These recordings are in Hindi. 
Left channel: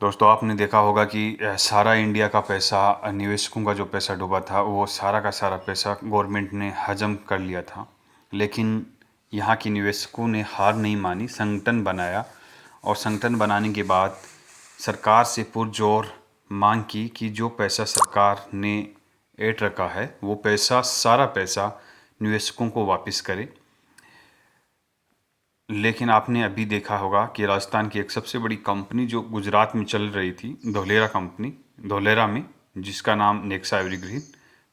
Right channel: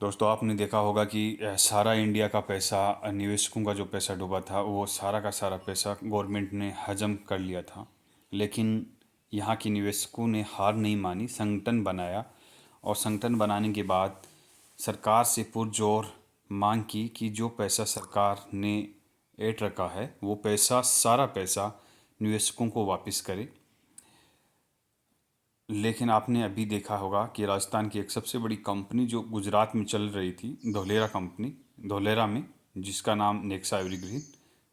दोस्तों आपने देखा होगा कि सारा इंडिया का पैसा, निवेशकों का जो पैसा डूबा था, वो सारा का सारा पैसा गवर्नमेंट ने हजम कर लिया था। लेकिन यहाँ के निवेशकों ने हार नहीं मानी, संगठन बनाया और संगठन बनाने के बाद सरकार से पुरजोर मांग की कि जो पैसा सरकार ने ऐंठ रखा है वो पैसा, सारा पैसा निवेशकों को वापस करे। लेकिन आपने अभी देखा होगा कि राजस्थान की एक सबसे बड़ी कंपनी जो गुजरात में चल रही थी, धोलेरा कंपनी, धोलेरा में, जिसका नाम नेक्सा एवरग्रीन,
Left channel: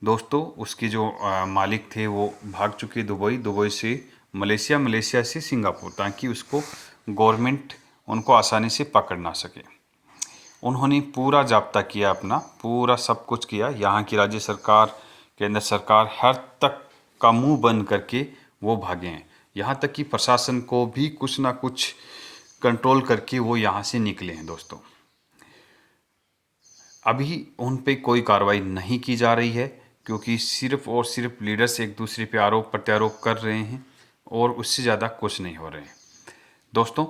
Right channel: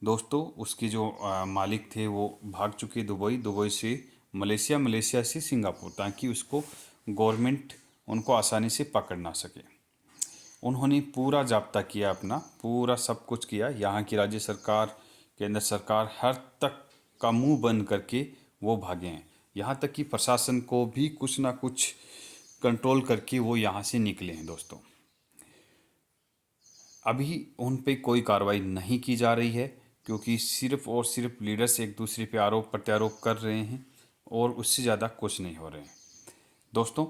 दोस्तों उसके जो मालिक थे वो भाग चुके दुबई, दुबई से मलेशिया, मलेशिया से सिंगापुर, ताकि उसको गवर्नमेंट उनको आसानी से पकड़ ना सके। उन्होंने पूरा जाब्ता किया, अपना पूरा सब कुछ किया। यहाँ की राज्य सरकार, केंद्र सरकार, हर तक का मुंह बंद करके वो भागे हैं। यहाँ तक कि प्रशासन को भी कुछ ना कुछ कंट्रोल करके वो यहाँ से निकले हैं। दोस्तों अभी उन पे कोई कार्रवाई नहीं की जा रही है, क्योंकि सिर्फ और सिर्फ लीडर्स एक दूसरे पे आरोप प्रत्यारोप कर रहे हैं और उससे ज़्यादा कुछ नहीं हो रहे हैं। दोस्तों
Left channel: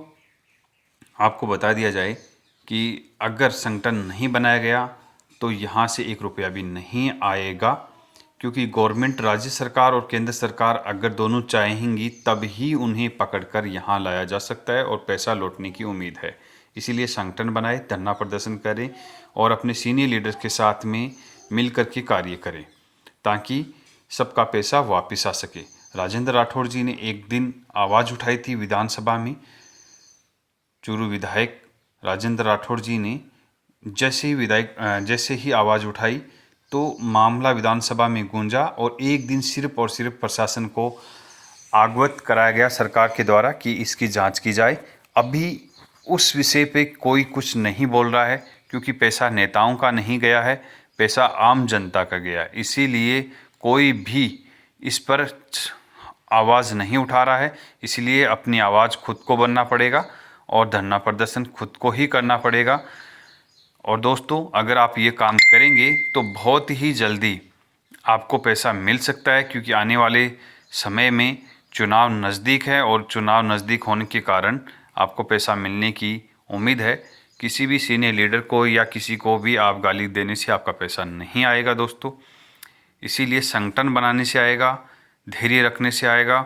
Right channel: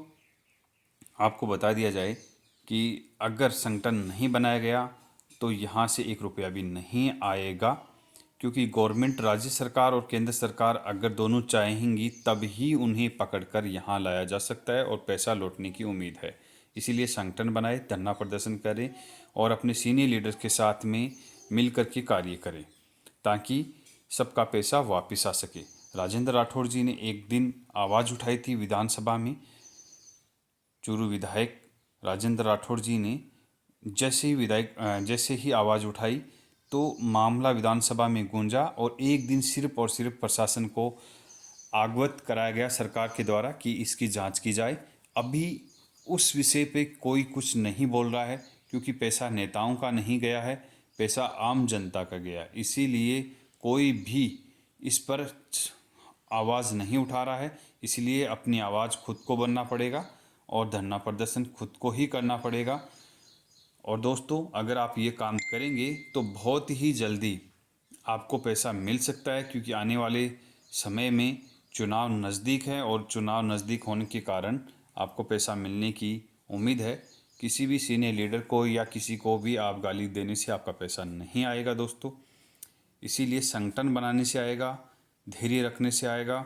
आपको बता दिया जाए कि अगर संगठन नहीं बनाया गया तो यहाँ से 1 रुपया भी नहीं आएगा, क्योंकि गवर्नमेंट, राज्य सरकार और केंद्र सरकार अगर दोनों चाहेंगी तब ही उन्हें पकड़कर यहाँ लाया जा सकता है और पैसा लौटने की उम्मीद है। इसीलिए संगठन बनाए, धरना प्रदर्शन करें और अपने सीनियर लीडर्स के साथ में मिल कर के कार्य करें, ताकि सबका पैसा वापस आ सके। राजेंद्र राठौड़ जी ने एक दिन आवाज़ उठाई थी विधानसभा में। चूरू विधायक राजेंद्र राठौड़ जी ने जैसे ही आवाज़ उठाई तो मामला विधानसभा में गूंजा और एक दिन सिर्फ और सिर्फ प्रशासन को अवगत कराया गया सरकार के द्वारा कि इसकी जांच की जाए। अभी उस विषय पे कोई कुछ नहीं बोल रहा है, क्योंकि पैसा नेताओं का नहीं गया है, पैसा आम जनता का गया है। इसीलिए कोई भी इस पर आवाज़ नहीं उठा रहा है। इसलिए अपनी आवाज़ खुद को बनना पड़ेगा और धरना प्रदर्शन खुद को ही करना पड़ेगा। और दोस्तों अगर आप ये काम करेंगे तो बहुत ही जल्दी आपको पैसा मिल सकता है, क्योंकि आने वाले समय में चुनाव नज़दीक है और चुनाव नज़दीक होने के कारण आपको पैसा मिलने की उम्मीद है। किसी भी सीनियर लीडर को या किसी को भी आप गाली देने से आपका पैसा नहीं आएगा दोस्तों। इसीलिए संगठन बनाने से आएगा, धैर्य रखने से आएगा।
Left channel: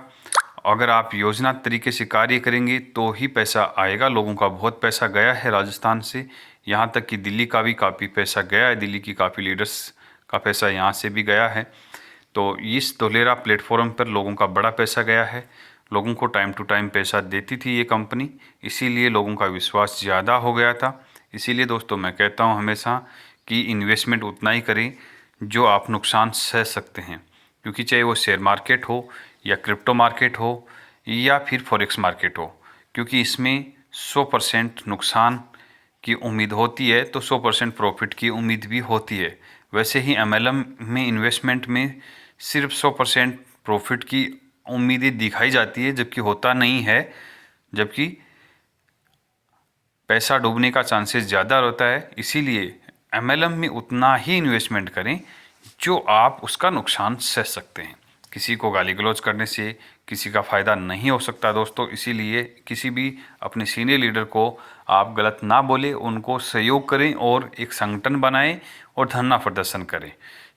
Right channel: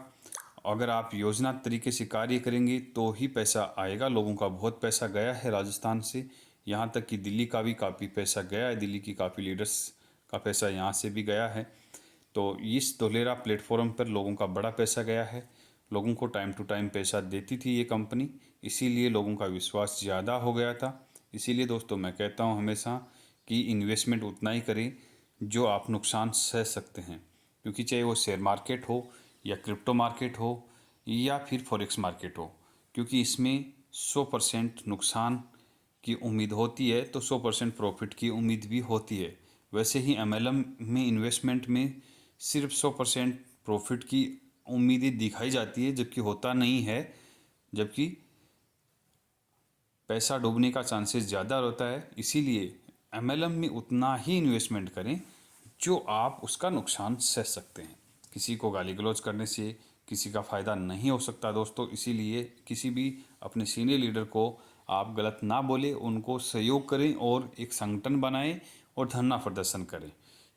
अगर आप योजना तरीके से कार्य करेंगे तो ही पैसा आएगा। लोगों का बहुत पैसा गया है राजस्थान से, यहाँ तक कि दिल्ली का भी काफ़ी पैसा गया है, दिल्ली की काफ़ी लीडर्स का पैसा यहाँ से भी गया है। तो इस धोलेरा प्लेटफॉर्म पर लोगों का बड़ा पैसा गया है। लोगों को टाइम टू टाइम पैसा देती थी ये कंपनी, इसीलिए लोगों का विश्वास ज़्यादा हो गया था। इसीलिए दोस्तों मैं कहता हूँ हमेशा कि इन्वेस्टमेंट उतना ही करें जो आप नुकसान सह सकते हैं, क्योंकि चाहे वो शेयर मार्केट हो या क्रिप्टो मार्केट हो या फिर फॉरेक्स मार्केट हो, क्योंकि इसमें 100% नुकसान की उम्मीद होती है तो 100% प्रॉफिट की उम्मीद भी होती है। वैसे ही MLM में इन्वेस्टमेंट में सिर्फ 100% प्रॉफिट की उम्मीदें दिखाई जाती है, जबकि होता नहीं है। जबकि पैसा डूबने का चांसेस ज़्यादा होता है। इसीलिए MLM में उतना ही इन्वेस्टमेंट करें जो आप उसका नुकसान सह सकते हैं। किसी को गाली गलौज करने से किसी का फ़ायदा नहीं हो सकता दोस्तों। इसीलिए किसी भी अपने सीनियर लीडर को आप गलत ना बोलें, उनको सहयोग करें और एक संगठन बनाएं और धरना प्रदर्शन करें,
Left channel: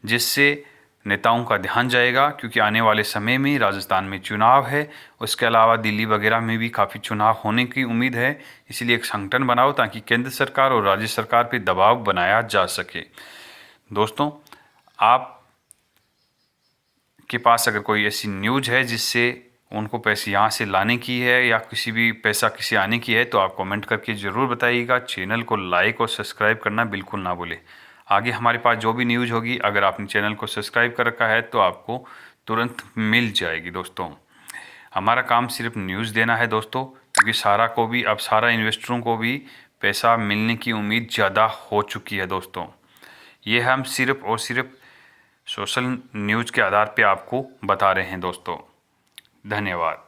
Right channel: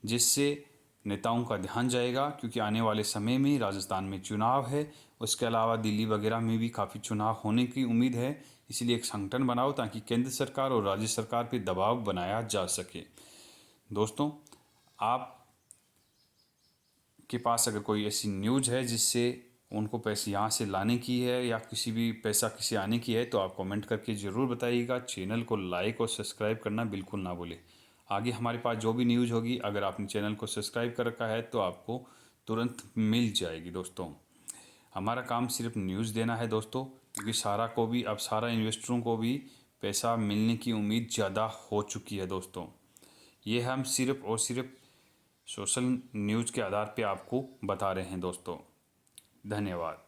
जिससे नेताओं का ध्यान जाएगा। क्योंकि आने वाले समय में राजस्थान में चुनाव है, उसके अलावा दिल्ली वगैरह में भी काफ़ी चुनाव होने की उम्मीद है। इसलिए एक संगठन बनाओ ताकि केंद्र सरकार और राज्य सरकार पर दबाव बनाया जा सके। दोस्तों आप के पास अगर कोई ऐसी न्यूज़ है जिससे उनको पैसे यहाँ से लाने की है या किसी भी पैसा किसी आने की है, तो आप कमेंट करके ज़रूर बताइएगा। चैनल को लाइक और सब्सक्राइब करना बिल्कुल ना भूलें। आगे हमारे पास जो भी न्यूज़ होगी, अगर आपने चैनल को सब्सक्राइब कर रखा है तो आपको तुरंत मिल जाएगी। दोस्तों हमारा काम सिर्फ न्यूज़ देना है दोस्तों, क्योंकि सारा इन्वेस्टरों को भी पैसा मिलने की उम्मीद ज़्यादा हो चुकी है दोस्तों। ये हम सिर्फ और सिर्फ सोशल न्यूज़ के आधार पे आपको बता रहे हैं दोस्तों। धन्यवाद।